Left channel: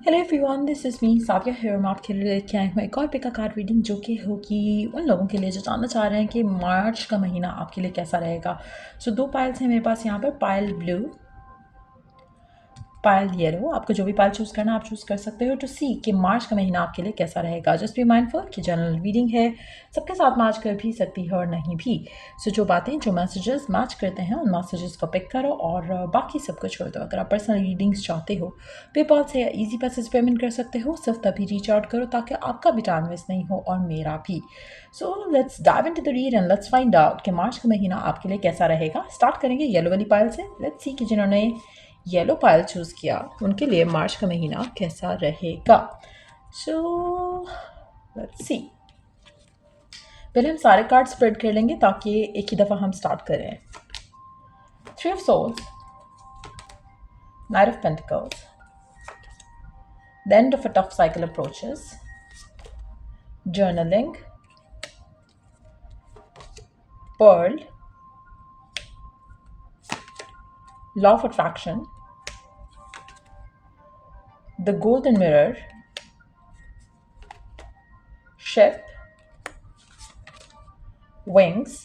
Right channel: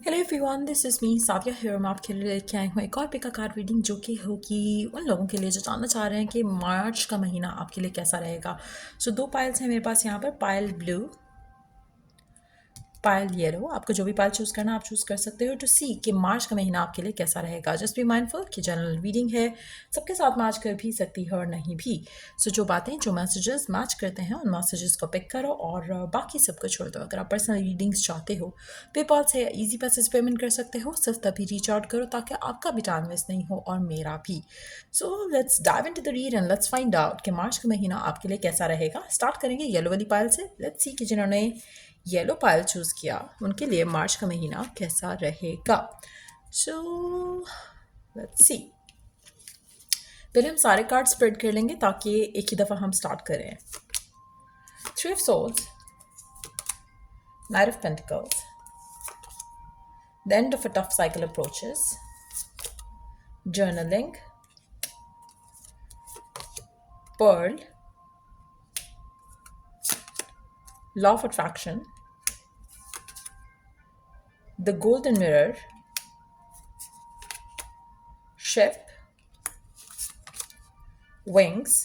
Hello everyone, this is me Sadia here. मैं आपके लिए लेके आई हूँ एक और पिक अ कार्ड रीडिंग जो कि होगी उन लोगों के लिए जो जानना चाह रहे हैं कि मार्च का महीना आपके लिए कैसा रहेगा। सो दो पाइल्स हैं मेरे पास यहाँ पर, पाइल ब्लू, पाइल येलो। आपको जो भी पाइल चूज़ करना आप चूज़ कर सकते हो टू सी कि मार्च का महीना आपके लिए कैसा रहेगा। जस्ट बी माइंडफुल कि जनरल रीडिंग है, सबके साथ मैच कर भी सकती है और नहीं भी। सो जो बातें जो मैसेजेस मैच करते हैं उन मैसेजेस को पिक करो और बाकी सबको छोड़ दो। अगर आप पर्सनल रीडिंग्स चाहते हो पेपॉल से या ईजी पैसेज पेमेंट कर सकते हो, सिर्फ तभी रीच आउट करो ताकि आपका भी टाइम वेस्ट नहीं हो और मेरा भी। So let's dive into the read and let's find out कि मार्च का महीना आपके लिए कैसा रहेगा। स्टार्ट करेंगे येलो वाली पाइल से। लेट्स सी कि जिन्होंने येलो पाइल चूज़ किया उनके लिए मार्च का महीना कैसा रहेगा। So let's see. पहले हम सारे कार्ड स्प्रेड कर लेंगे ताकि एक ही दफ़ा हम स्टार्ट करें। Three of swords, knight of pentacles, the end of a tough cycle approaches, journaling, pearl, law of attraction, the golden mirror, ship, wings,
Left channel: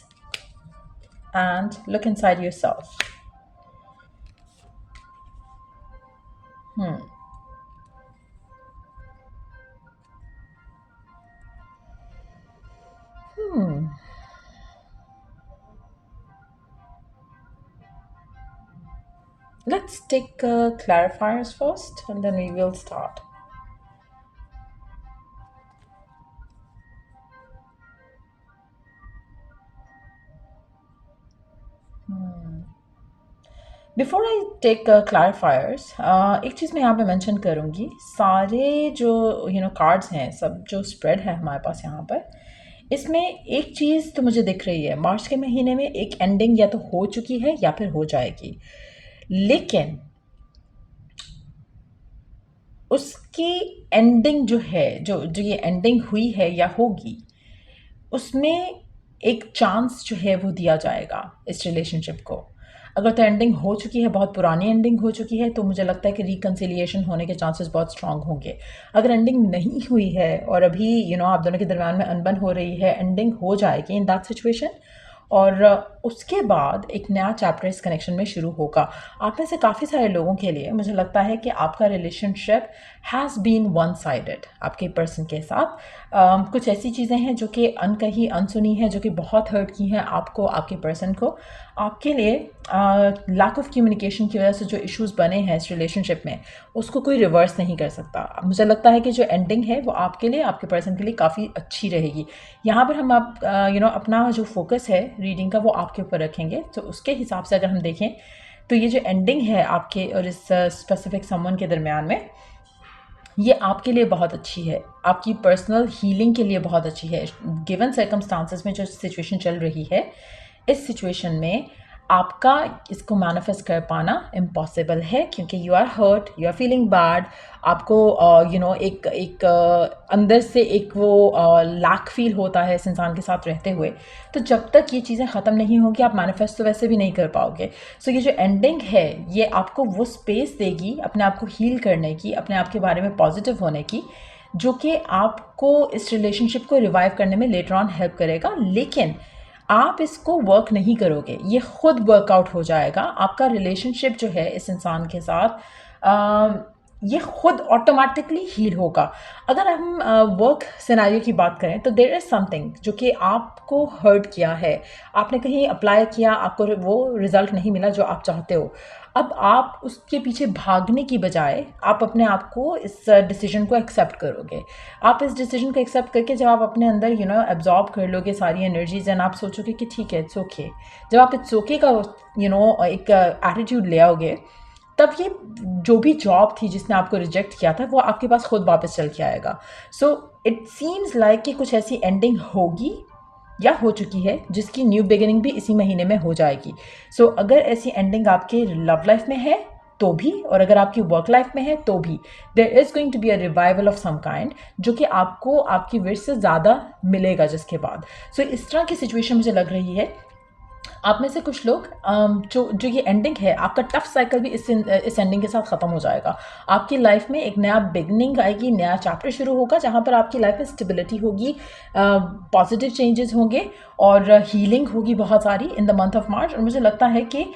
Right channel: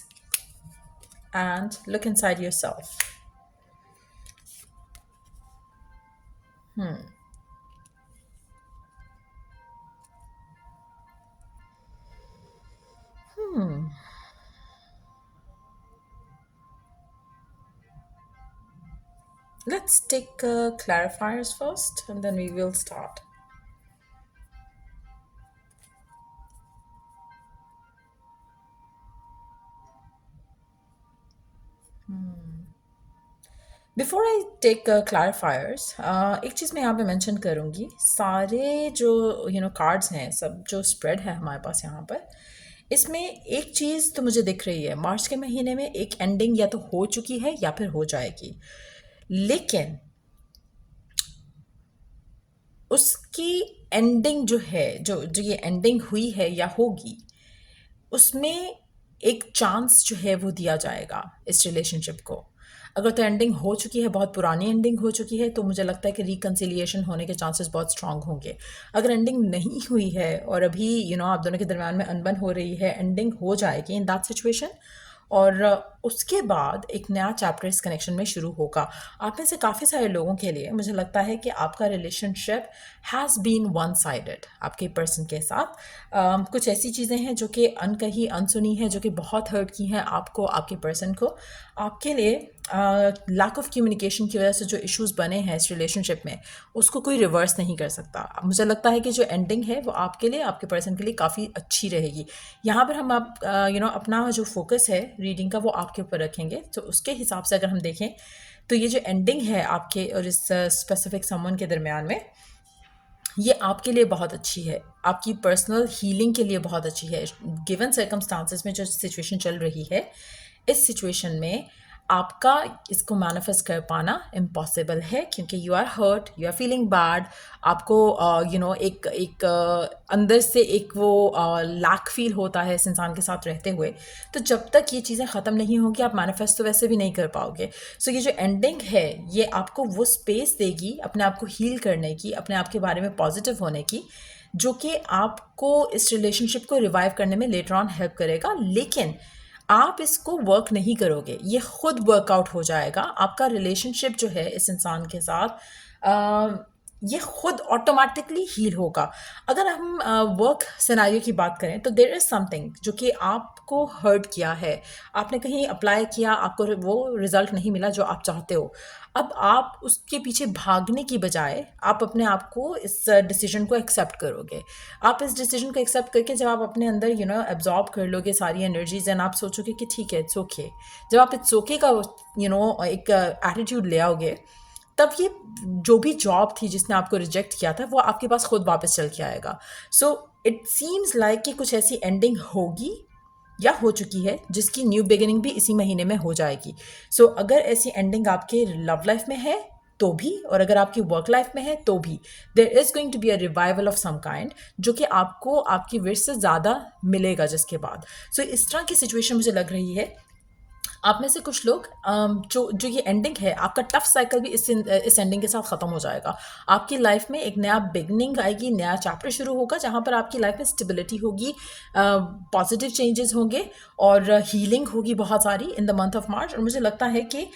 and look inside yourself. Let's take clarifiers first and then we will start. Before I take clarifiers, एक चीज़ मैं यहाँ पे mention करूँगी। सारे जो cards हैं, सब जो स्प्रेड है हमारे पास यहाँ पर, इसमें एक चीज़ तो मुझे दिख रही है, मार्च के महीने में एक एंडिंग या तो हो चुकी है या फिर हो जाएगी। लेकिन उसकी एंडिंग जो है, जो जो ये एंडिंग हुई है या होगी, उसमें एक चांस जो है वो दिया जाएगा इस रिलेशनशिप को। अगर तो एंडिंग हो चुकी है, बहुत पुरानी एंडिंग हो चुकी है, तो मुझे लगता है कि रिकन्सिलिएशन होने के चांसेस बहुत स्ट्रांग होंगे। अगर एंडिंग नहीं हुई है और अभी आप दोनों के दरम्यान में अनबन हो रही है, एंडिंग हो जाएगी इन दैट सिचुएशन और उसके बाद एक नया चैप्टर इस कनेक्शन में शुरू होगा। आप में से काफ़ी सारे लोगों के लिए मुझे लगता है कि आपका relationship has been one sided आपके पर्सन के साथ। कुछ ऐसी चीज़ें हैं जो कि अनकही अनसुनी हैं, जो कि बहुत हर्ट की हैं आपको, आपके पर्सन को। आपके लिए लैक ऑफ कम्युनिकेशन की वजह से जो इश्यूज़ बने हैं इस रिलेशनशिप में, उसको कोई रिवर्स नहीं कर सकता। मुझे लगता है कि जो एंडिंग है वो आपके लिए, आपके पर्सन के लिए काफ़ी अच्छी रहेगी। यहाँ पर हम आप अपना जो फोकस है रीडिंग का वो आपके ऊपर रखेंगे। तो उसके हिसाब से अगर हम देखें तो ये जो एंडिंग है आपके और इस स्पेसिफिक समवन के दरमियान में, ये आपके लिए बहुत अच्छी है, आपकी पर्सनल हीलिंग के लिए बहुत अच्छी है। गिवन सर्कमस्टांसेस में जो सिचुएशन चल रही है, इस सिचुएशन में आपका इसको मैनिफेस्ट कर पाना इम्पॉसिबल है क्योंकि you are hurt, you are feeling bad. आपको एक अंदर से एक वो लैक फील होता है इस इंसान के साथ रहते हुए। तो जब तक ये चीज़ें ख़त्म नहीं होगी आप मैनिफेस्ट तो वैसे भी नहीं कर पाओगे। सो ये जो एंडिंग है ये आपको वो स्पेस देगी अपने आप को हील करने की, अपने आप के बारे में पॉजिटिव होने की, जो कि आपको इस रिलेशनशिप को रिवाइव करने में लेटर ऑन हेल्प करेगा। लेकिन आप इसको वर्क नहीं करोगे, ये खुद वर्कआउट हो जाएगा। आपका रिलेशनशिप जो है इस इंसान के साथ ये खुद ऑटोमेटिकली हील होगा। अगर हम वर्क सिनेरियो की बात करें तो देयर इज़ समथिंग जो कि आपको हर्ट किया है, आपने कहीं अप्लाई किया, आपको वो रिज़ल्ट नहीं मिला जो आप चाहते हो। अब आप उसके पीछे भागने की बजाय आप अपने आप को इस डिसीजन को एक्सेप्ट करोगे। आप इस डिसीजन को एक्सेप्ट करके जब आप अपने अंदर एब्जॉर्ब कर लोगे सारी एनर्जीज एंड आप सोचोगे कि ठीक है इट्स ओके, जब आप इट्स ओके का एक एटीट्यूड ले आओगे, तब ये जो भी जॉब थी जिसने आपको रिजेक्ट किया था वो आपके पास खुद वापस चल के आएगा। सो इट सीम्स लाइक कि कुछ ऐसी एंडिंग होगी या हो चुकी है जिसकी न्यू बिगिनिंग भी इसी महीने में हो जाएगी। सो अगर ऐसी एंडिंग आपकी लव लाइफ में है तो भी, और अगर आपकी वर्क लाइफ में है तो भी, there is going to be a revival of some kind जो कि आपको आपकी विश से ज़्यादा मिलेगा जिसके बाद। सो इस तरह की सिचुएशन मुझे लग रही है। आप में से कुछ लोग जो जो ये एंडिंग है, आपका टफ साइकिल भी इस एंडिंग के साथ ख़त्म हो जाएगा। आपकी लाइफ में एक नया बिगनिंग आएगी, नया चैप्टर शुरू होगा, जहाँ पर आपकी लाइफ में स्टेबिलिटी होगी, पॉजिटिव चेंजेस होंगे और हीलिंग होगी बहुत सारी इन द मंथ ऑफ मार्च। और मुझे लगता है कि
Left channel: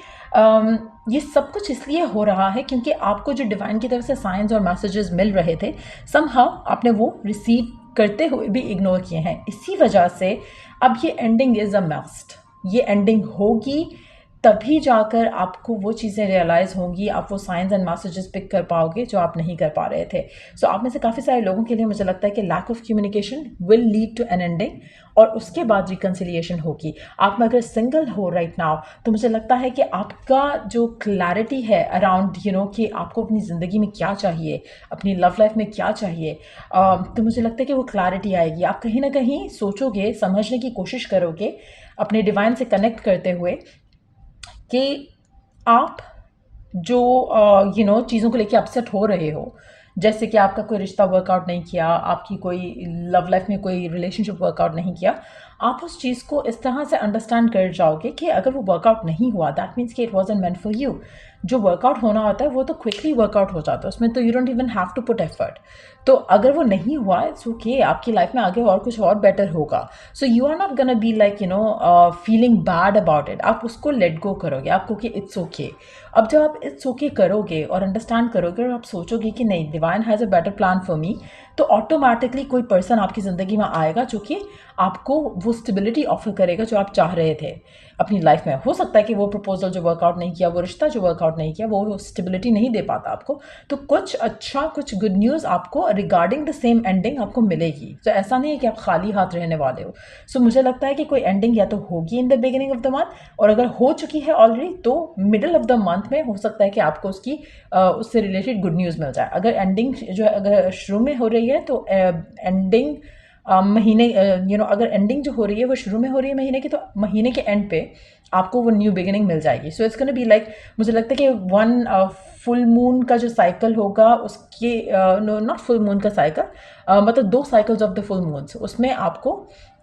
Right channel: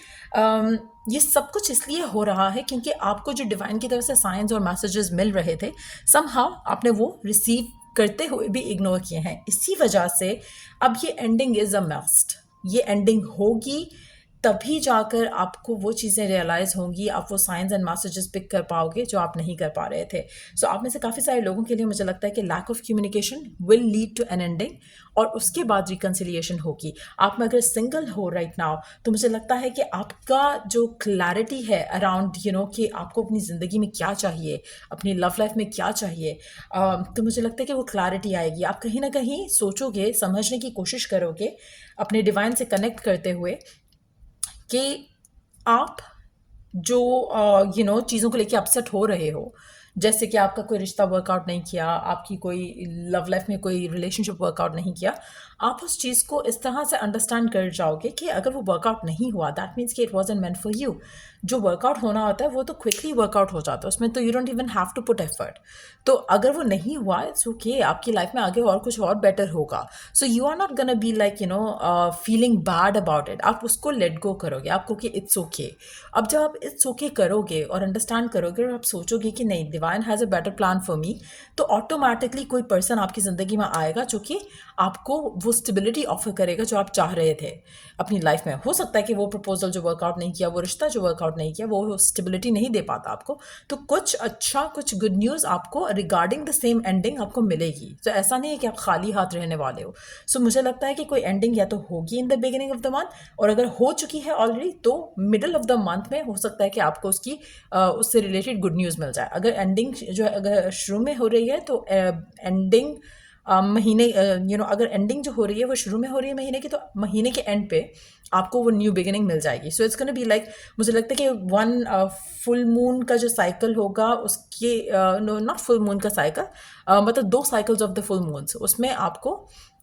ये सब कुछ इसलिए हो रहा है क्योंकि आपको जो डिवाइन की तरफ से साइंस और मैसेजेस मिल रहे थे, समहाउ आपने वो रिसीव करते हुए भी इग्नोर किए हैं। इसी वजह से अब ये एंडिंग इज़ अ मस्ट। ये एंडिंग होगी, तभी जाकर आपको वो चीज़ें रियलाइज़ होंगी, आप वो साइंस एंड मैसेजेस पिक कर पाओगे जो आप नहीं कर पा रहे थे। सो आप में से काफ़ी सारे लोगों के लिए मुझे लगता है कि lack of communication will lead to an ending, और उसके बाद रिकन्सिलिएशन होगी। आप में अगर सिंगल हो राइट नाउ, तो मुझे लगता है कि आपका जो क्लैरिटी है अराउंड कि आपको अपनी ज़िंदगी में क्या चाहिए, अपनी लव लाइफ में क्या चाहिए, तो मुझे लगता है कि वो क्लैरिटी आएगी। आप कहीं ना कहीं सोचोगे, समझने की कोशिश करोगे अपने डिवाइन से कनेक्ट करते हुए कि आप जो चीज़ों को लेके अपसेट हो रहे हो, जैसे कि आपका कोई रिश्ता वर्कआउट नहीं किया, आपकी कोई लव लाइफ में कोई रिलेशनशिप वर्कआउट नहीं किया, आप उस चीज़ को इस तरह से अंडरस्टैंड कर जाओगे कि अगर वो वर्कआउट नहीं हुआ, दैट मीन्स कि it wasn't meant for you. जो वर्कआउट होना होता है वो तो क्विकली वर्कआउट हो जाता है, उसमें तो you don't even have to put effort. तो अगर वो नहीं हुआ, इट्स ओके, आपकी लाइफ में आगे और कुछ और बेटर होगा। So you are not gonna be like feeling bad about it. आप उसको लेट गो करोगे, आपको कि इट्स ओके। अब जब आप इट्स ओके करोगे और अंडरस्टैंड करोगे और आप सोचोगे कि नहीं, divine has a better plan for me, तो ऑटोमेटिकली कोई पर्सन आपकी ज़िंदगी में आएगा जो कि आपको वो स्टेबिलिटी ऑफर करेगा जो आप चाह रहे थे अपनी लाइफ में। हो सकता है कि वो प्रपोजल जो वर्कआउट नहीं किया, वो रिश्ता जो वर्कआउट नहीं किया, वो स्टेबिलिटी नहीं दे पाता आपको, तो कुछ अच्छा, कुछ गुड न्यूज़ आपको रिगार्डिंग द सेम एंडिंग आपको मिलेगी। तो ऐसा नहीं है कि आप खाली हाथ रहने वाले हो। सो मुझे लगता है कि कोई एंडिंग या तो होगी in the beginning of the month, और अगर हो चुकी है ऑलरेडी तो मिडल ऑफ द मंथ में हो सकता है कि आपको उससे रिलेटेड गुड न्यूज़ मिल जाए। अगर एंडिंग जो है अगर शुरू में हो रही है तो एंडिंग महीने अगर एंडिंग जो हो रही है वो शुरू में हो रही है महीने की, तो महीने के एंड पे आपको वो न्यू बिगिनिंग मिल जाएगी। So it's gonna be like, मुझे लगता है कि वन फुल मून का जो साइकिल होगा उसके नो नॉट फुल मून का साइकिल, मतलब 2 cycles of the full moons, उसमें आपको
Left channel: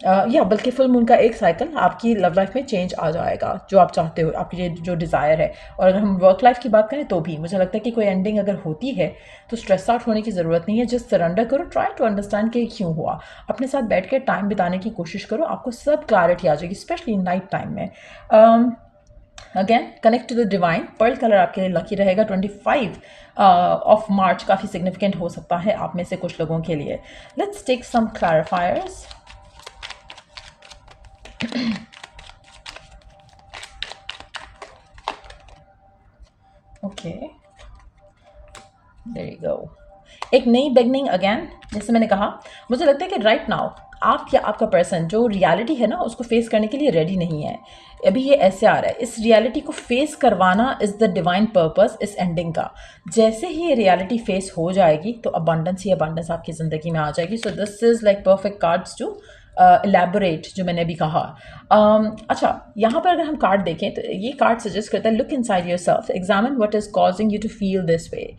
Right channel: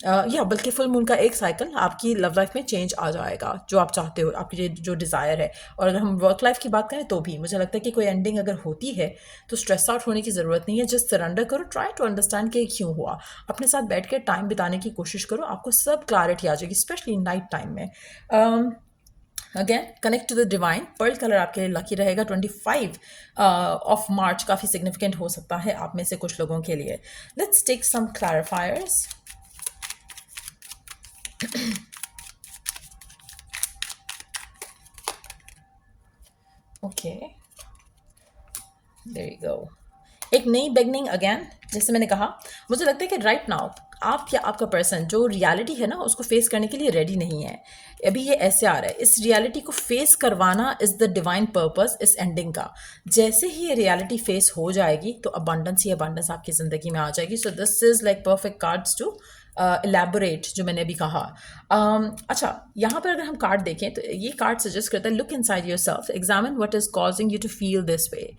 या बल्कि फुल मून का एक साइकिल आपकी लव लाइफ में चेंज आ जाएगा जो आप चाहते हो, आपकी जो डिज़ायर है। और अगर हम वर्क लाइफ की बात करें तो भी मुझे लगता है कि कोई एंडिंग अगर होती है तो स्ट्रेस आउट होने की ज़रूरत नहीं है। जस्ट सरेंडर करो, ट्राई टू अंडरस्टैंड कि क्यों हुआ, अपने साथ बैठ के टाइम बिताने की कोशिश करो, आपको सब क्लैरिटी आ जाएगी, स्पेशली नाइट टाइम में। Again connect to the divine. Pearl colour आपके लिए लकी रहेगा। 25 ऑफ मार्च काफ़ी सिग्निफिकेंट हो सकता है आप में से कुछ लोगों के लिए। Let's take some clarifiers. Okay, there you go. एक नई बिगनिंग अगेन, जैसे मैंने कहा, मुझे लगता है कि राइट नाउ आप या आपका पर्सन जो रियलिटी है ना उसको फेस करने के लिए रेडी नहीं है। अभी ये ऐसे आ रहा है, इस रियलिटी को फेस करवाना इज़ द डिवाइन पर्पस इस एंडिंग का। जैसे ही ये रियलिटी फेस हो जाएगी तो अबंडेंस ही अबंडेंस आपकी ज़िंदगी में आ जाएगी। So this is like perfect cards to elaborate जो मैंने अभी कहा। अच्छा, यहाँ पर अगर हम कार्ड देखें तो ये कार्ड सजेस्ट करता है, look inside yourself, examine what is causing you to feel this way.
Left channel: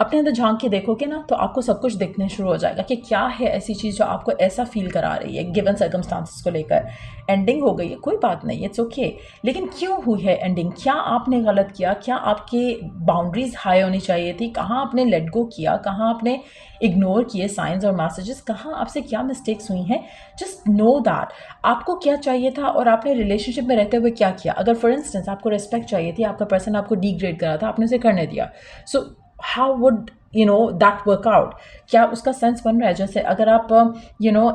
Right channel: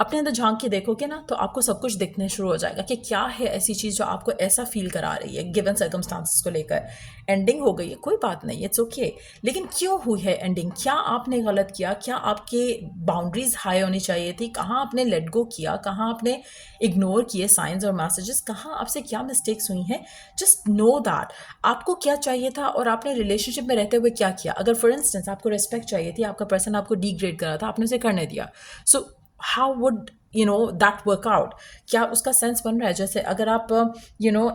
अपने अंदर झांक के देखोगे ना तो आपको सब कुछ दिखने शुरू हो जाएगा कि क्या है ऐसी चीज़ जो आपको ऐसा फील करा रही है गिवन सर्कमस्टांसिस को लेकर। एंडिंग हो गई है, कोई बात नहीं, इट्स ओके, लेकिन क्यों हुई है एंडिंग? क्या आपने गलत किया? क्या आपकी बाउंड्रीज हाई होनी चाहिए थी? कहाँ आपने लेट गो किया? कहाँ आपने इग्नोर किए साइंस और मैसेजेस? कहाँ आपसे क्या मिस्टेक्स हुई हैं? जस्ट नो दैट आपको क्या चाहिए था और आपने रिलेशनशिप में रहते हुए क्या किया। अगर फॉर इंस्टेंस आपको रिस्पेक्ट चाहिए थी, आपका पर्सन आपको डिग्रेड करा था, आपने उसे करने दिया, सो how would that work out? क्या उसका सेंस बन रहा है? जैसे अगर आप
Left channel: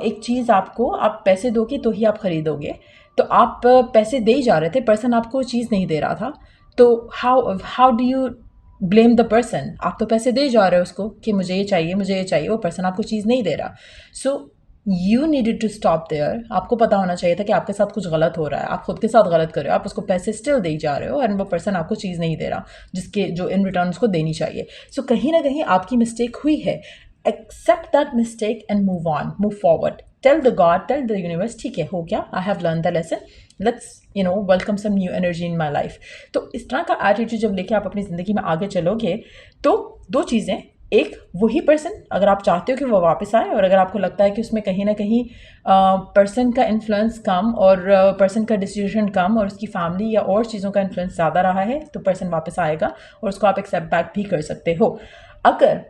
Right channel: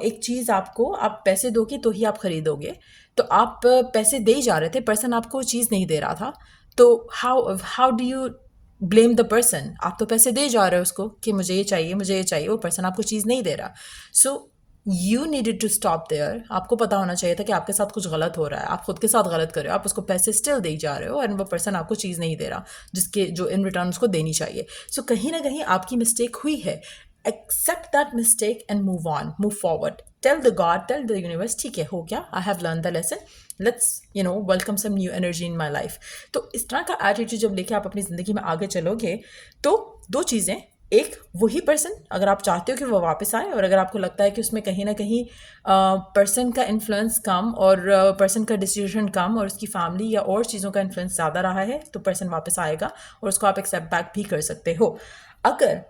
एक चीज़ आपको, आप पैसे दोगे तो ही आप खरीदोगे, तो आप पैसे दे ही जा रहे थे, पर्सन आपको चीज़ नहीं दे रहा था, तो how do you blame the person? आप तो पैसे दे जा रहे हो उसको कि मुझे ये चाहिए, मुझे ये चाहिए, वो पर्सन आपको चीज़ नहीं दे रहा। So you needed to stop there. आपको पता होना चाहिए था कि आपके साथ कुछ गलत हो रहा है, आप खुद के साथ गलत कर रहे हो, आप उसको पैसे स्टिल दे जा रहे हो एंड वो पर्सन आपको चीज़ नहीं दे रहा जिसके जो इन रिटर्न उसको देनी चाहिए। सो कहीं ना कहीं आपकी मिस्टेक हुई है। Accept that mistake and move on, move forward. Tell the God, tell the universe, ठीक है, हो गया, I have learn the lesson, let's welcome some new energy in my life. तो इस तरह का एटीट्यूड जब लेके आप अपनी ज़िंदगी में आगे चलोगे तो 2 चीज़ें, एक वही पर्सन, अगर आप चाहते हो कि वो वापस आए और अगर आपको लगता है कि उसमें कहीं ना कहीं पर्सन का इन्फ्लुएंस कम और पर्सन का डिसीजन कम और उसकी फैमिली या और चीज़ों का इन्फ्लुएंस ज़्यादा रहा है, तो पर्सन वापस आएगा और उसको आप एक्सेप्ट बैक भी कर सकते हो। अगर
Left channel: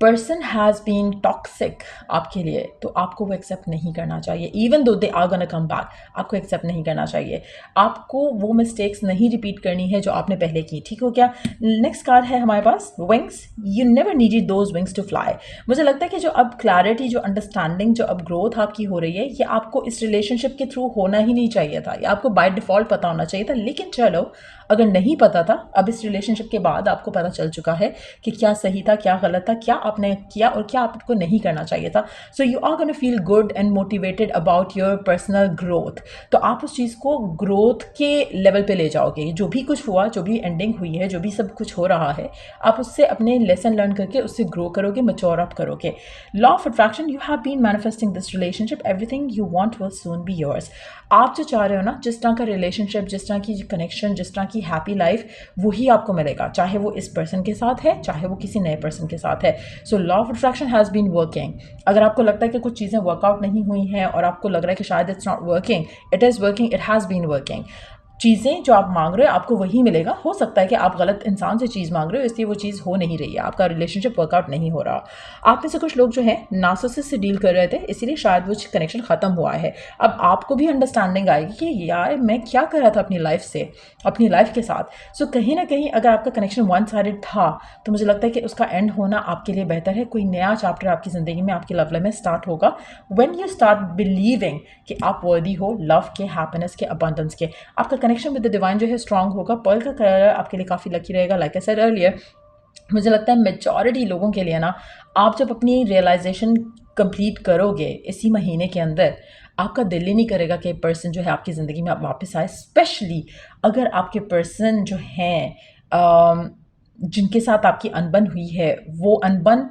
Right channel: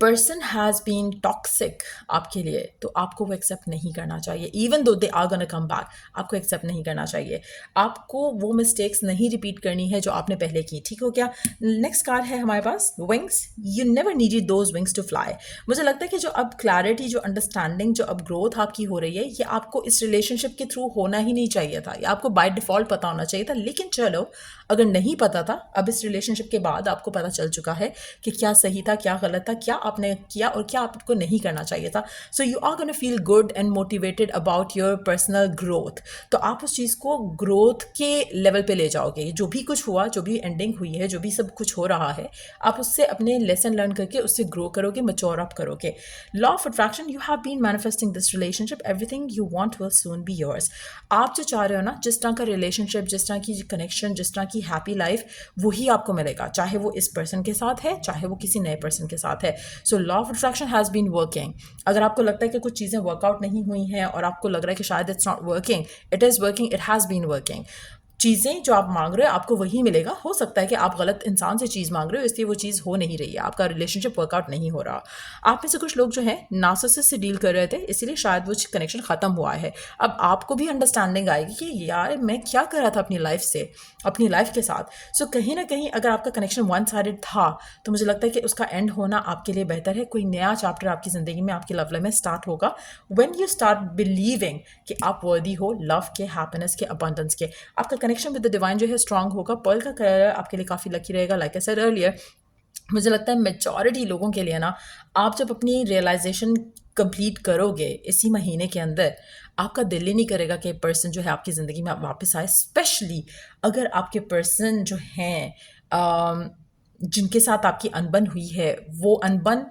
पर्सन हैज़ बीन टॉक्सिक आपके लिए, तो आपको वो एक्सेप्ट नहीं करना चाहिए। Even though they are gonna come back, आपको एक्सेप्ट नहीं करना चाहिए। आपको वो मिस्टेक्स नहीं रिपीट करनी है जो आपने पहले की। ठीक हो क्या? नेक्स्ट कार्ड है हमारे पास wings. You never needed those wings to fly. मुझे लगता है कि जो अब क्लैरिटी, जो अंडरस्टैंडिंग, जो अब ग्रोथ आपकी हो रही है, ये आपको इस रिलेशनशिप के थ्रू होना ही नहीं चाहिए था। ये आपको बाय डिफ़ॉल्ट पता होना चाहिए था। लेकिन चलो, अगर नहीं पता था, अब इस रिलेशनशिप के बाद आपको पता चल चुका है कि क्या सही था, क्या गलत था, क्या आपने किया और क्या आपको नहीं करना चाहिए था। So you are gonna feel good and motivated about your personal growth. तो आप उस चीज़ को ग्रोथ के लेवल पे ले जाओगे। जो भी कुछ हुआ, जो भी एंडिंग हुई है, जो भी सब कुछ हो रहा है, आप उससे अपने लेसन लर्न करके उससे ग्रो करोगे, मैच्योर अप करोगे। Law of attraction, you have been manifesting this relationship, everything you want will soon be yours. आप जो चाह रहे हो ना, जिस तरह का रिलेशनशिप, जिस तरह की कनेक्शन, जिस तरह की हैप्पी लाइफ, वही आपको मिलेगा, चाहे वो इस पर्सन के साथ है, चाहे वो किसी नए पर्सन के साथ है। So law of attraction has been working. अगर आपको लगता है कि कुछ चीज़ें वर्कआउट नहीं हुई हैं और आपको लग रहा है कि शायद it's not working, it is working, it has been working. चीज़ें जो आप मांग रहे हो आपको वही मिलेगा। हो सकता है कि आप गलत इंसान से चीज़ मांग रहे हो, इसलिए वो चीज़ हो नहीं रही है, आपका रिलेशनशिप वर्कआउट नहीं हो रहा। आप में से कुछ लोग जो है नार्सिसिस्ट से डील कर रहे थे, इसीलिए शायद वो कनेक्शन ख़त्म हुआ है। अब आपको भी अंडरस्टैंडिंग आएगी कि यार मैं क्या कर रहा था अपनी लाइफ से, अपनी लाइफ के साथ। सो कहीं ना कहीं अगर आपका कनेक्शन वन साइडेड था, तो मुझे लगता है कि उसका एंड होना आपके लिए बेहतर है। कोई नया चैप्टर आपकी ज़िंदगी में, आपकी लव लाइफ में स्टार्ट होगा व्हेन यू स्टार्ट बिलीविंग कि आप वर्दी हो लव के, हैप्पीनेस के, अबंडेंस के। आपका कनेक्शन विद द डिवाइन जो है स्ट्रांग होगा। पर्ल का कलर आपके लिए काफ़ी लकी रहेगा। लाइक आई सेड अर्लियर, मुझे लगता है मेजॉरिटी लोगों के लिए ना, आप जब अपनी रियलाइजेशन कंप्लीट करोगे इसी महीने के अंदर, आपका दिल ही नहीं करेगा कि पर्सन जो है आपकी ज़िंदगी में वापस आए। स्पेशली अगर आपके पर्सन जो हैं जिनके साथ आपकी अनबन हुई है, वो अनबन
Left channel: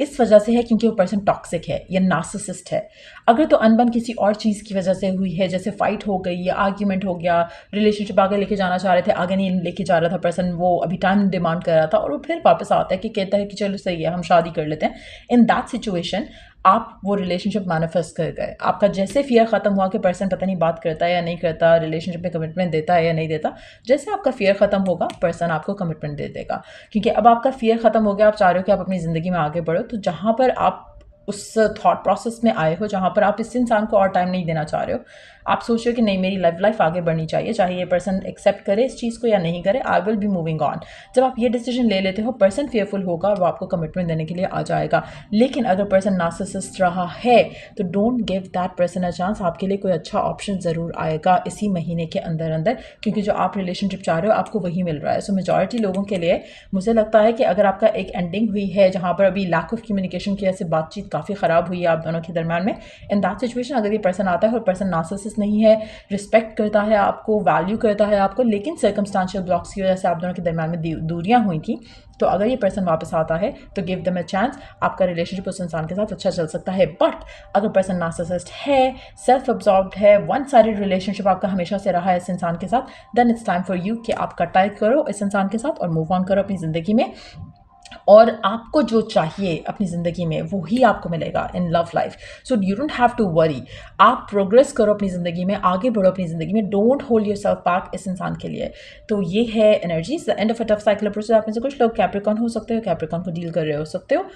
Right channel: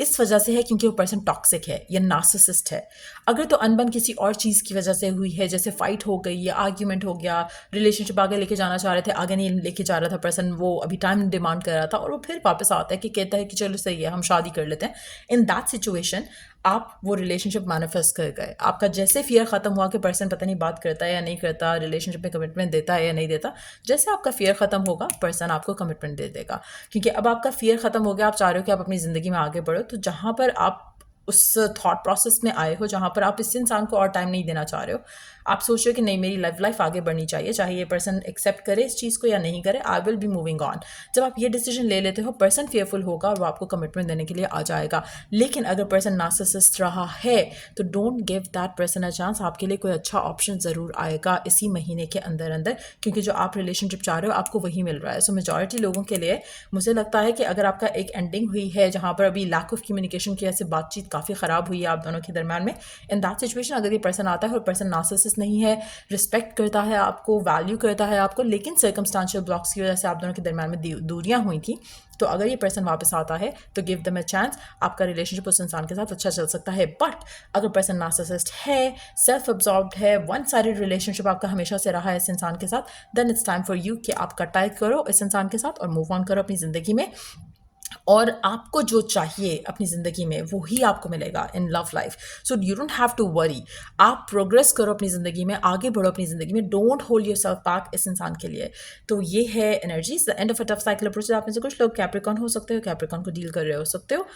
इस वजह से है क्योंकि वो पर्सन टॉक्सिक है या नार्सिसिस्ट है। अगर तो अनबन किसी और चीज़ की वजह से हुई है, जैसे फाइट हो गई या आर्ग्यूमेंट हो गया, रिलेशनशिप आगे लेके जाना चाह रहे थे, आगे नहीं लेके जा रहा था पर्सन, वो अभी टाइम डिमांड कर रहा था और वो फिर वापस आता है कि कहता है कि चलो सही है हम शादी कर लेते हैं। इन दैट सिचुएशन आप वो रिलेशनशिप मैनिफेस्ट कर गए। आपका जैसे फियर ख़त्म हुआ कि पर्सन पता नहीं बात करता है या नहीं करता, रिलेशनशिप में कमिटमेंट देता है या नहीं देता, जैसे आपका फियर ख़त्म होगा पर्सन आपको कमिटमेंट दे देगा। क्योंकि अब आपका फियर ख़त्म हो गया, आप चाह रहे हो कि आप अपनी ज़िंदगी में आगे बढ़ो। तो जहाँ पर आप उस थॉट प्रोसेस में आए हो जहाँ पर आप इस इंसान को और टाइम नहीं देना चाह रहे हो, आप सोच रहे हो कि नहीं मेरी लाइफ आगे बढ़नी चाहिए, चाहे ये पर्सन एक्सेप्ट करे इस चीज़ को या नहीं करे, I will be moving on. जब आप ये डिसीजन ले लेते हो, पर्सन फेयरफुल होगा और वो आपको कमिटमेंट देने के लिए आ जाएगा। लेकिन अगर पर्सन नार्सिसिस्ट रहा है तो don't give that person a chance. आपके लिए कोई अच्छा ऑप्शन ज़रूर आएगा इसी महीने के अंदर अंदर, क्योंकि जो आप रिलेशनशिप चाह रहे हो आपको वही मिल रहा है। सो मेजॉरिटी लोगों के लिए मुझे लगता है कि अगर आपका एक एंडिंग हुई है जहाँ पर अभी लैक ऑफ कम्युनिकेशन की वजह से बातचीत काफ़ी ख़राब हुई है आप दोनों के दरम्यान में, इन दैट सिचुएशन अगर ये पर्सन आता है और पर्सन नार्सिसिस्ट नहीं है, रिस्पेक्ट करता है आपको, वैल्यू करता है आपको, लेकिन सर्कमस्टांशियल ब्लॉक्स की वजह से आप दोनों के दरम्यान में दूरियां हुई थी, तो अगर ये पर्सन वापस आता है तो गिव देम अ चांस। आपका रिलेशनशिप उस इंसान के साथ अच्छा चल सकता है। बट अगर पर्सन नार्सिसिस्ट है, सेल्फ अब्जॉर्ब्ड है, वन साइडेड रिलेशनशिप आपका हमेशा से रहा है इस इंसान के साथ, then it's time for you कि आप कटाई करो इस इंसान के साथ और मूव ऑन करो अपनी ज़िंदगी में। और आपको जो चाहिए अपनी ज़िंदगी में वो ही आपको मिलेगा in love life. So you don't have to worry. आप प्रोग्रेस करो अपनी ज़िंदगी में, आगे बढ़ो अपनी ज़िंदगी में, don't hold your self back इस इंसान के लिए। तो ये है energies the end of a tough cycle approach. आप में से कुछ लोग कैप्रिकॉन हो सकते हो, कैप्रिकॉन को डील कर रहे हो सकते हो।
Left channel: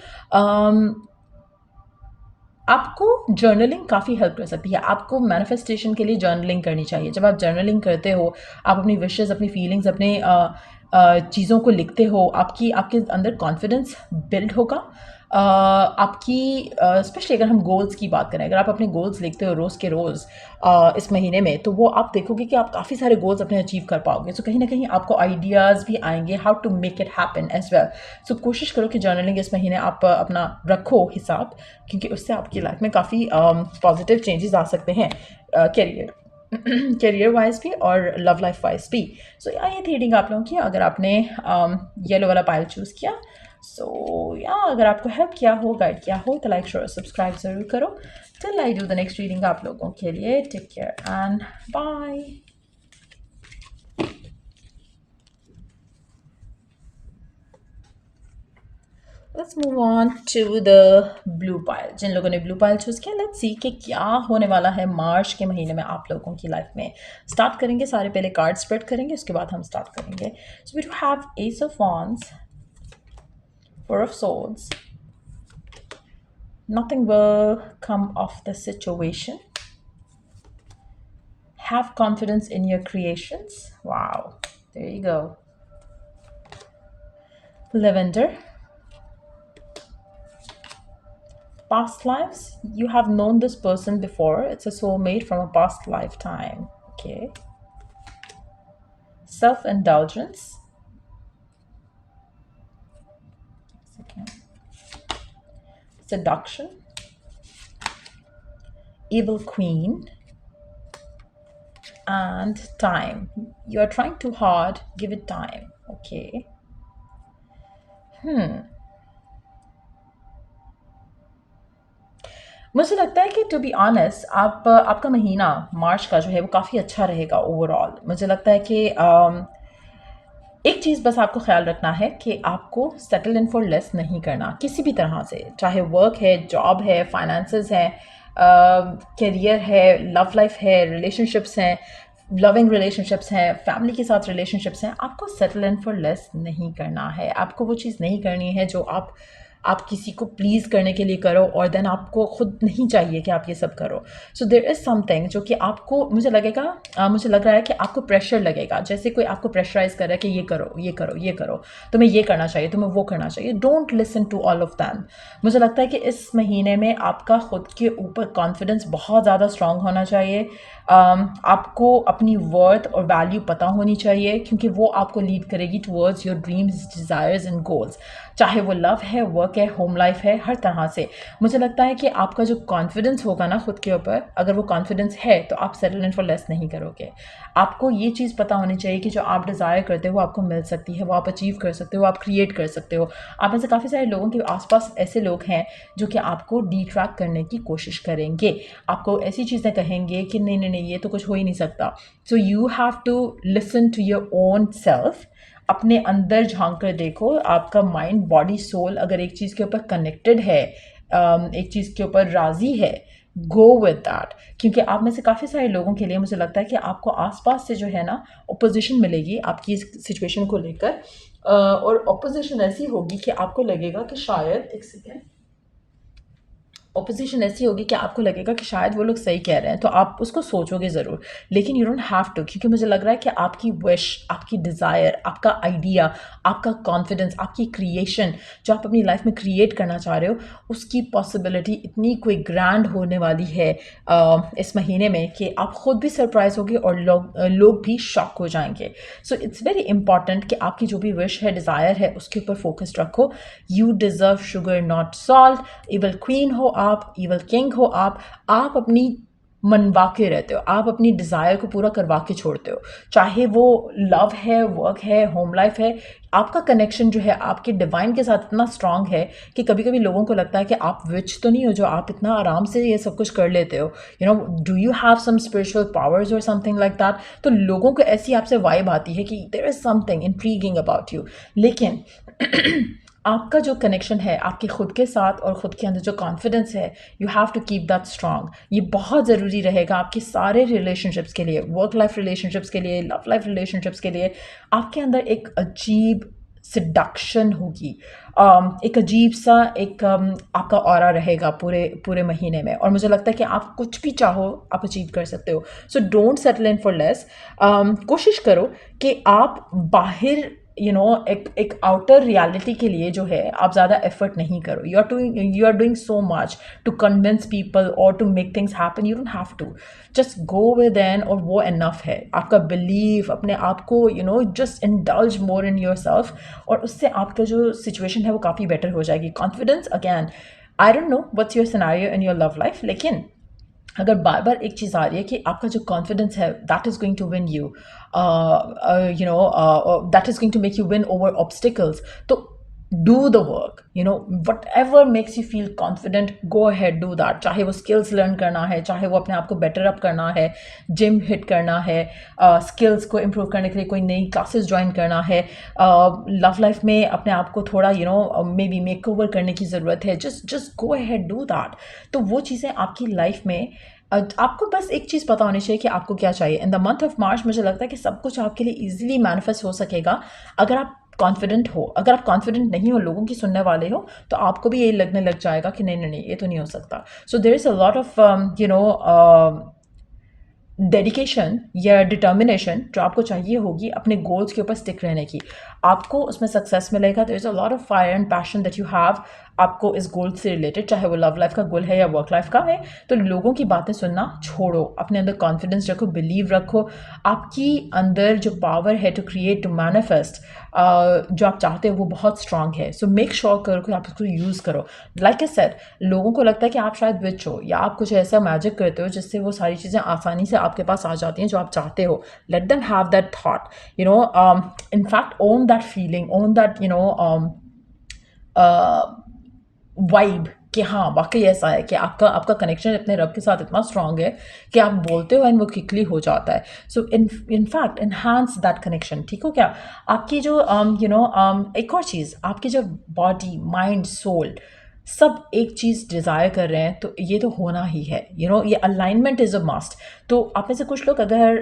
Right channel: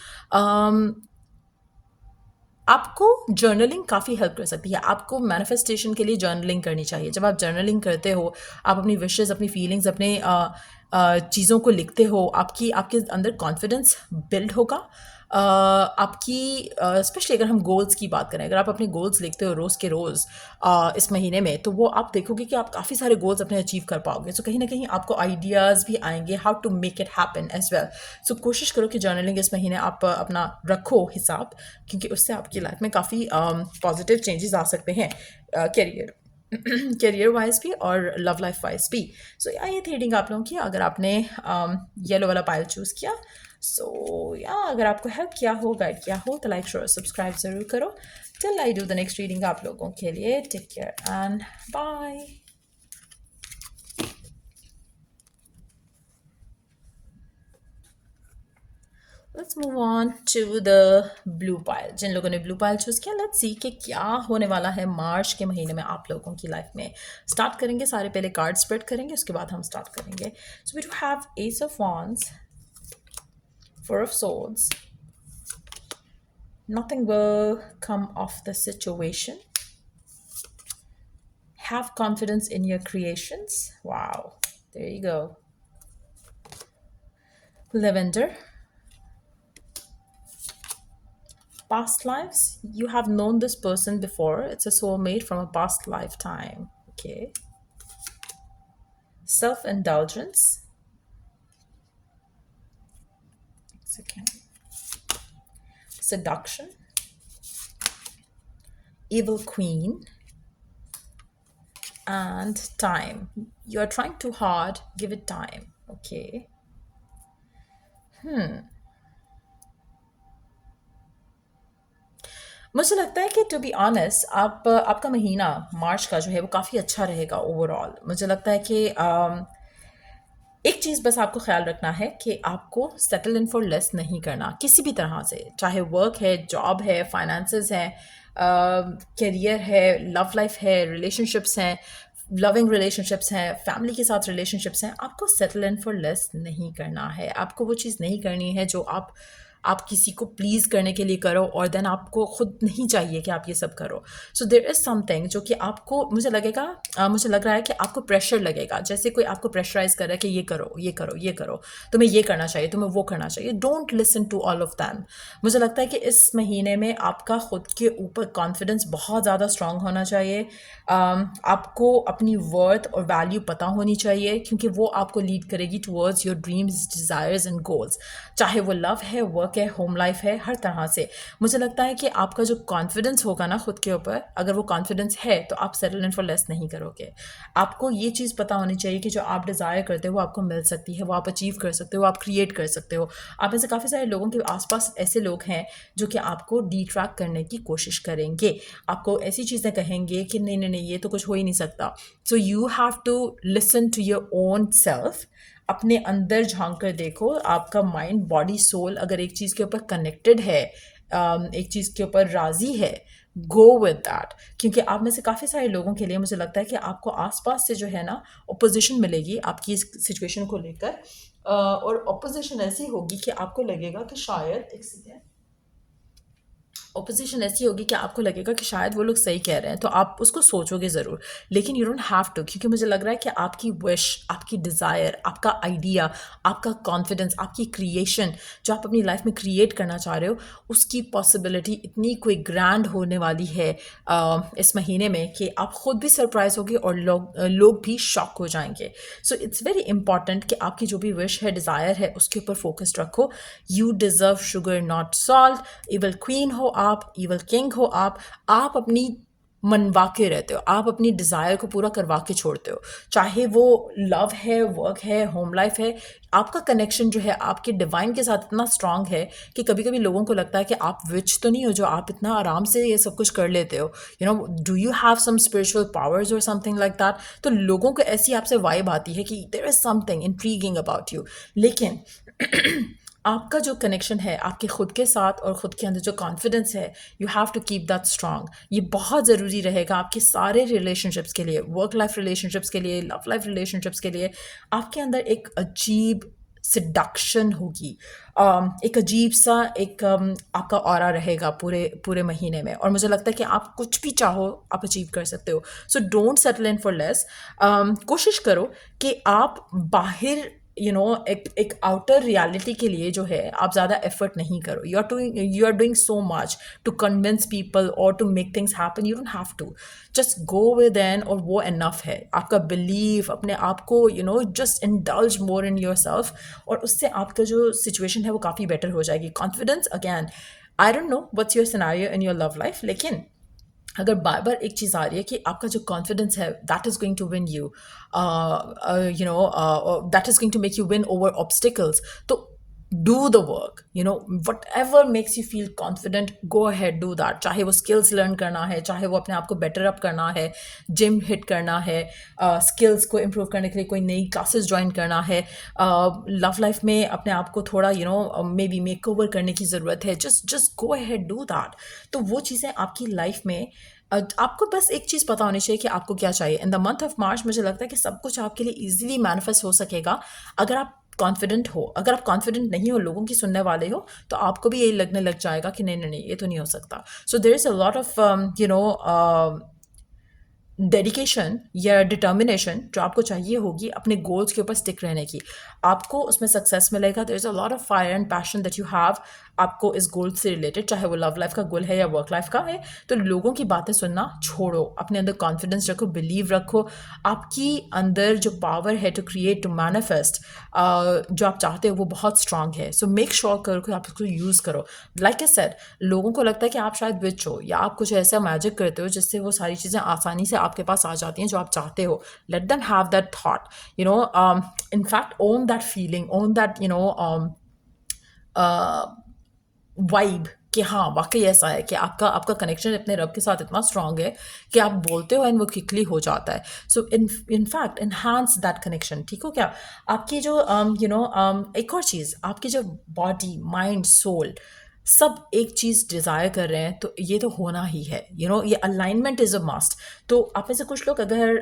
आपको जर्नलिंग काफ़ी हेल्प कर सकती है। आपको मैनिफेस्टेशन के लिए जर्नलिंग करनी चाहिए। जब आप जर्नलिंग करते हो, आप अपनी विशेज़, अपनी फीलिंग्स, अपने चीज़ों को लिखते हो, आपके अंदर कॉन्फिडेंस बिल्ड होगा। आपकी स्पेशली अगर हम गोल्स की बात करें, अगर आप अपने गोल्स लिखते हो रोज़ के रोज़ इस महीने में, तो वो आप देखोगे कि आप काफ़ी सारे गोल्स अपने अचीव कर पाओगे। सो कहीं ना कहीं आपको आइडियाज़ भी आएंगे how to make it happen as well. So कोशिश करो कि जर्नलिंग इस महीने आप अपना रखो हिसाब, क्योंकि उससे आपकी लाइफ में काफ़ी पॉजिटिव चेंजेस आ सकते हैं करियर वाइज भी और लव लाइफ वाइज भी। सो या ये थी रीडिंग आप लोगों की। अगर आपने येलो वाला पाइल चूज़ किया, सो या अगर आपको हेल्प किया हो, गाइड किया हो, तो लाइक शेयर सब्सक्राइब ज़रूर करो। Till I do the next reading आप लोगों के लिए, take care and bye. Let's move on to the blue pile. जिन लोगों ने ब्लू पाइल चूज़ किया, लेट्स सी कि क्या होने वाला है मार्च के महीने में आप लोगों की लाइफ में। स्टार्ट करेंगे, सारे पहले कार्ड स्प्रेड करेंगे, उसके बाद हम स्टार्ट करेंगे। So we do have ace of wands, four of swords. Nothing will come of the situation. Have confidence in your creations. Wow, there you go. Lavender. Past lives, you have known this person before. It's a soulmate from a past lifetime. Okay. Self-indulgence. Second. Seduction. Evil queen. And time. You are trying too hard. Give it time. Okay. मुझे लगता है कि to be honest आपका महीना मार्च का जो है वो काफ़ी अच्छा रहेगा ओवरऑल। मुझे लगता है कि एक चीज़ बस आपको ख्याल रखना है कि आपको सेटल इन फॉर लेस नहीं करना किसी भी तरह से, चाहे वर्क है, जॉब है, फाइनेंसेस है, करियर है, लव लाइफ है, रिलेशनशिप्स हैं, लविंग रिलेशनशिप्स हैं, फैमिली के साथ रिलेशनशिप्स हैं। आपको सेटल इन फॉर लेस नहीं करना है। आपको वो चीज़ नहीं करनी है जो आप किसी को प्लीज़ करने के लिए करो और देन आपको खुद नहीं चाहिए कि आप ये सब करो। सो देयर इज़ समथिंग जो कि आपको मुझे लग रहा है कि आपको प्रेशर लगेगा, जैसे कोई आपको प्रेशराइज कर रहा है कि ये करो, ये करो, ये करो, तुम्हें ये करना चाहिए, तुम्हें वो करना चाहिए। Don't listen to all of them. मुझे लगता है कि इस महीने में आपका खुद के ऊपर कॉन्फिडेंस बहुत ज़्यादा स्ट्रांग होना चाहिए। आपको अपनी वर्थ और वैल्यू पता होनी चाहिए, क्योंकि वो आपको लीड करेगी towards your dreams, desires and goals, चाहे वो लव है, वर्क है, होम लाइफ है, हर तरह से। मुझे लगता है कि आपका जो कॉन्फिडेंस होगा ना खुद के ऊपर, अगर वो कॉन्फिडेंस है तो आप सेटल इन फॉर लेस नहीं करोगे। आपको ये चीज़ पता होनी चाहिए कि जो आप डिज़ायर करते हो आपको मिल सकती है, वो आप अचीव कर सकते हो, आप क्रिएट कर सकते हो। आप में से काफ़ी सारे लोगों के आसपास ऐसे लोग हैं जो कि आपको डिट्रैक्ट करने की कोशिश करेंगे, आपको ऐसी चीज़ें कहेंगे कि नहीं नहीं नहीं, ये तो कुछ हो ही नहीं सकता। So you have to listen to your own self. अपने अंदर झांक कर देखो, आपका माइंड, बॉडी, सोल अगर एक चीज़ के ऊपर कनेक्टेड है, एक चीज़ के ऊपर राज़ी है, गो विद दैट। क्योंकि आप में से काफ़ी सारे लोगों के लिए मुझे लगता है कि आपको आसपास से जो है ना ओपोजिशन मिलेगी आपकी इस सिचुएशन को लेकर, और ओपोजिशन ऐसी होगी कि आपको लगेगा कि शायद, एक सेकेंड, ओपोजिशन ऐसी होगी कि आपको लगेगा कि शायद वो लोग सही कह रहे हैं, तो आप उसको सोचोगे ज़रूर, लेकिन यू डोंट हैव टू, क्योंकि मुझे लग रहा है कि आपकी विश, आपकी डिज़ायर, आपका आइडिया, आपका कॉन्फिडेंस, आपकी क्रिएशन जो आप अपनी लाइफ में क्रिएट करना चाह रहे हो, उसकी पॉसिबिलिटी इतनी कोई ग्रैंड होने वाली है इस महीने में कि आप खुद भी सरप्राइज होगे और लोग भी शॉक हो जाएंगे। सो इट्स वेरी इंपॉर्टेंट कि आपकी जो भी विश है, डिज़ायर है, उसके ऊपर फोकस्ड रखो। You deserve sugar not salt. Evil queen हो आप, इवल किंग हो आप अपनी मनवा के रहते हो, आप अपनी डिज़ायर को पूरा करवा के छोड़ते हो, चाहे वो लव है, वर्क है, होम लाइफ है। आपका कनेक्शन जो है आपके डिवाइन के साथ इतना स्ट्रांग है कि कभी कभी लोगों को लगता है कि आप विच तो नहीं हो जो आप इतना आराम से ये सब कुछ कर लेते हो, you know, do you have some spiritual powers और समथिंग लाइक दैट। तो लोगों को ऐसी आपसे वाइब आती है कि there is something intriguing about you. लेकिन आपका जो कनेक्शन है आपके खुद के साथ और ख़ुद के अंदर जो कॉन्फिडेंस है, you have to keep that strong. ये बहुत ज़रूरी रहेगा आपके सारे रिलेशनशिप्स के लिए, वर्क लाइफ रिलेशनशिप्स के लिए, लव लाइफ रिलेशनशिप्स के लिए। आपके अंदर एक अजीब सिडक्शन होगी, एक अजीब सा एक आपका ऑरा रहेगा पूरे पूरे महीने में, और मुझे लगता है कि आप कुछ भी चाहो आप अचीव कर सकते हो। So don't settle in for less. कोशिश करो कि आप बाहर एक आउटर रियलिटी के लिए जो है आप ज़्यादा एफर्ट नहीं करो। You are doing so much to convince people और to make things happen. You don't have to, just go with an, और वो इनफ है। आपका बिलीव अपने आप को, just indulge more in yourself, और उससे आपका जो सिचुएशन है वो काफ़ी बेटर हो जाएगी। Confidence, again, I don't know what's your scenario in your love life, लेकिन अगर बार बार एक चीज़ आ रही है कि आपका जो कॉन्फिडेंस है that is going to win that is going to make you win over obstacles, तो do the work, whatever makes you feel confident, go ahead, do that. चाहे वो skills learn करना है, चाहे वो अपने आप को better up करना है, gym hit करना है, skills को improve करने के लिए कोई नई classes join करना है, love life में अपने आप को थोड़ा maybe makeover करने की ज़रूरत है, just go ahead, do that. तो वो चीज़ें आपकी लाइफ में आपको बस एक चीज़ पता होनी चाहिए कि आपको क्या चाहिए. इन द मंथ ऑफ मार्च मुझे लगता है कि सब कुछ आपके लिए ईजिली मैनिफेस्ट हो सकेगा अगर आप कॉन्फिडेंट हो. अगर आप कॉन्फिडेंट नहीं हो, लोगों की सुनने वाले हो, तो आपको भी यही लगने लग जाएगा कि नहीं नहीं नहीं, ये तो नहीं हो सकता. So there is a lot of dedication या डिटर्मिनेशन जो आपको चाहिए होगी अपने गोल्स के ऊपर स्टिक रहने की. आपको उसमें सक्सेस मिलेगा. There is a lot of fire and passion that you have आपको इस गोल से रिलेटेड, चाहे वो लव लाइफ का गोल है या वर्क लाइफ का है. तो लोगों की बातें सुनना छोड़ो, अपने अंदर कॉन्फिडेंस रखो, बिलीव रखो. आपकी अंदर जो पावर है टू क्रिएट, टू मैनिफेस्ट, जो आप चाहते हो वो बहुत स्ट्रांग है. सो मेक श्योर करो कि आप उसको यूज़ करो. लाइक आई सेड, लोगों को लगता है कि आप शायद विच हो या आप कुछ ऐसा मैजिक करते हो जिससे वो सारी चीज़ें आसानी से आपके पास आ जाती हैं जो आप चाहते हो. Let them have that thought, in fact own that feeling, own that vibe कि हाँ वाकई ऐसा है कि आपका आपका कनेक्शन अपने रब के साथ इतना स्ट्रांग है कि आप बोलते हो एंड वो क्विकली हो जाता है. So in fact enhance that connection. ठीक हो क्या? आपकी जो एक और चीज़, आपकी जो बॉडी, माइंड, सोल सब एक चीज़ डिज़ायर कर रहे हैं, तो ये तो होना ही है. ये अलाइनमेंट इज़ अ मस्ट. तो आप में से कुछ लोग अगर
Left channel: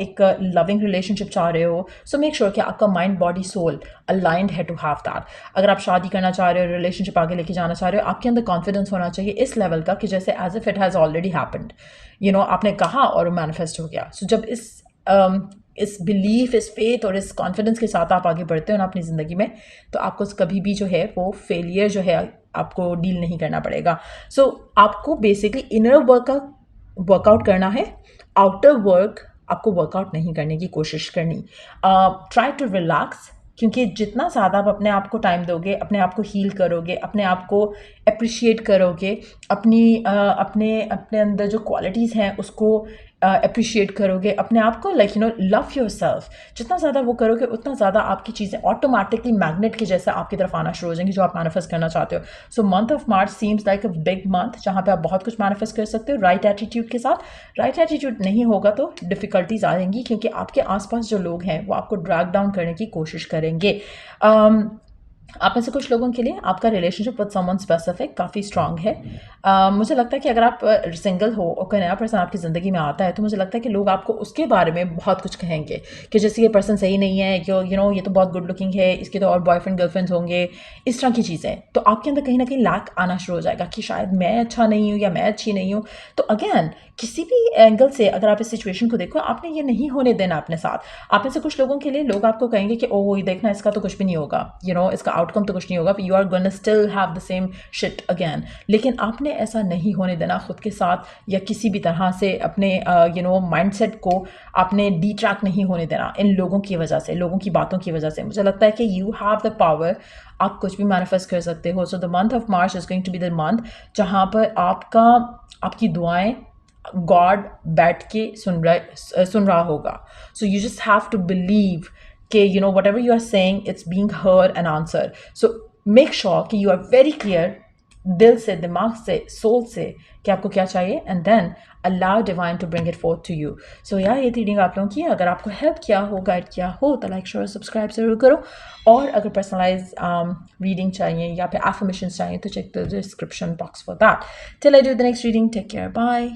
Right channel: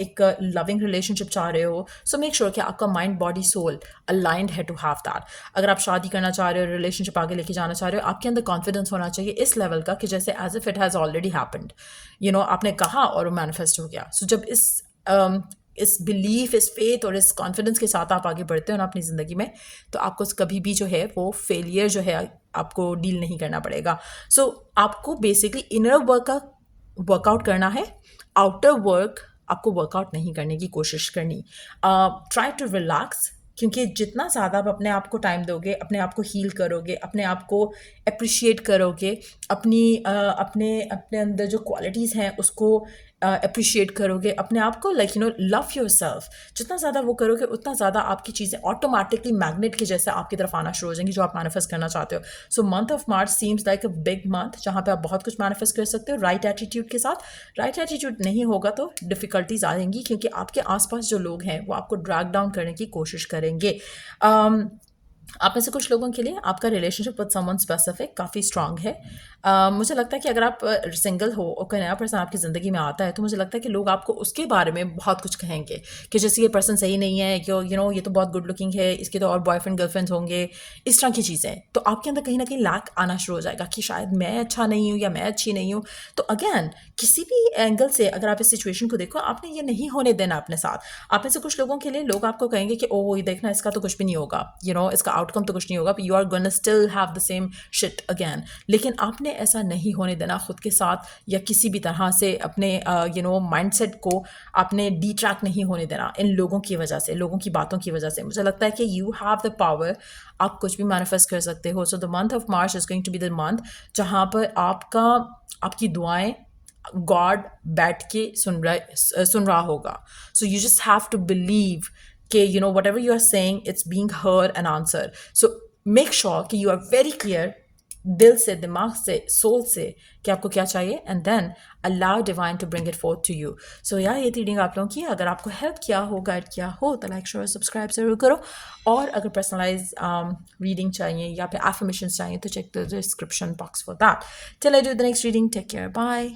एक लविंग रिलेशनशिप चाह रहे हो, सो मेक श्योर कि आपका माइंड, बॉडी, सोल अलाइंड है टू हैव दैट. अगर आप शादी करना चाह रहे हो, रिलेशनशिप आगे लेके जाना चाह रहे हो, आपके अंदर कॉन्फिडेंस होना चाहिए इस लेवल का कि जैसे as if it has already happened. आपने कहा और वो मैनिफेस्ट हो गया. सो जब इस बिलीफ, इस फेथ और इस कॉन्फिडेंस के साथ आप आगे बढ़ते हो ना अपनी ज़िंदगी में, तो आपको कभी भी जो है वो फेलियर जो है आपको डील नहीं करना पड़ेगा. सो आपको बेसिकली इनर वर्कआउट करना है, आउटर वर्क आपको वर्कआउट नहीं करने की कोशिश करनी. ट्राई टू रिलैक्स, क्योंकि जितना ज़्यादा आप अपने आप को टाइम दोगे, अपने आप को हील करोगे, अपने आप को अप्रिशिएट करोगे, अपने अपने अंदर जो क्वालिटीज़ हैं उसको अप्रिशिएट करोगे, अपने आप को लव योर सेल्फ, जितना ज़्यादा वो करोगे उतना ज़्यादा आपकी चीज़ें ऑटोमेटिकली मैग्नेट की जैसे आपकी तरफ आना शुरू हो जाएंगी जो आप मैनिफेस्ट करना चाहते हो. So month of March seems like a big month जहाँ पे आप बहुत कुछ मैनिफेस्ट कर सकते हो राइट एटीट्यूड के साथ. राइट एटीट्यूड नहीं होगा तो डिफ़िकल्टीज आएंगी, क्योंकि आपके आसपास जो लोग हैं वो आपको ड्रैग डाउन करने की कोशिश करेंगे. आप में से कुछ लोगों के लिए आपका रिलेशनशिप विद समवन स्पेसिफिक काफ़ी स्ट्रांग है. मुझे लगता है कि अगर आप सिंगल हो और कोई नया पर्सन आपकी ज़िंदगी में आता है, तो मुझे लगता है कि लोग आपको उसके बारे में बहुत कुछ कहेंगे कि जैसे ये पर्सन सही नहीं है, कि ये तो बहुत गुड लुकिंग है, इसके तो और बॉयफ्रेंड गर्लफ्रेंड्स होंगे, इस तरह की चीज़ें. तो आपके अंदर कहीं ना कहीं लैक आना शुरू हो जाएगा कि शायद मैं अच्छा नहीं हूँ या मैं अच्छी नहीं हूँ. तो अगेन किसी भी एंगल से अगर आप इस सिचुएशन को देखो, आपने ये नहीं होने देना अपने साथ. आप में से कुछ लोगों के लिए लोग आपको कहेंगे कि ओह ये देखना, इसका तो कुछ भी नहीं होगा, इसका आउटकम तो कुछ नहीं होगा, you are gonna still have the same shit again. लेकिन आपने ऐसा नहीं होने देना खुद के साथ, या किसी भी तरह से अपने माइंडसेट को आपने डिट्रैक्ट नहीं होने देना इन लोगों की वजह से, लोगों की बातों की वजह से. मुझे लगता है कि यू हैव द पावर, आप कुछ भी मैनिफेस्ट कर सकते हो. So the month of March is going to be the month जहाँ पर आपकी दुआएं गॉड बैठ के सुन रहा होगा. So you just have to believe कि whatever you are saying, it's being heard and answered. So make sure कि you are very clear दिल से, दिमाग से, सोल से कि आपको क्या चाहिए, and then allow divine to bring it forth to you. So यार ये रीडिंग आप लोगों की अगर आपको हेल्प किया हो, गाइड किया हो, तो लाइक शेयर सब्सक्राइब जरूर करो. और अगर पर्सनलाइज रीडिंग चाहिए या फिर एफर्मेशंस चाहिए तो check the description box for that. Till I do the next reading, take care, bye.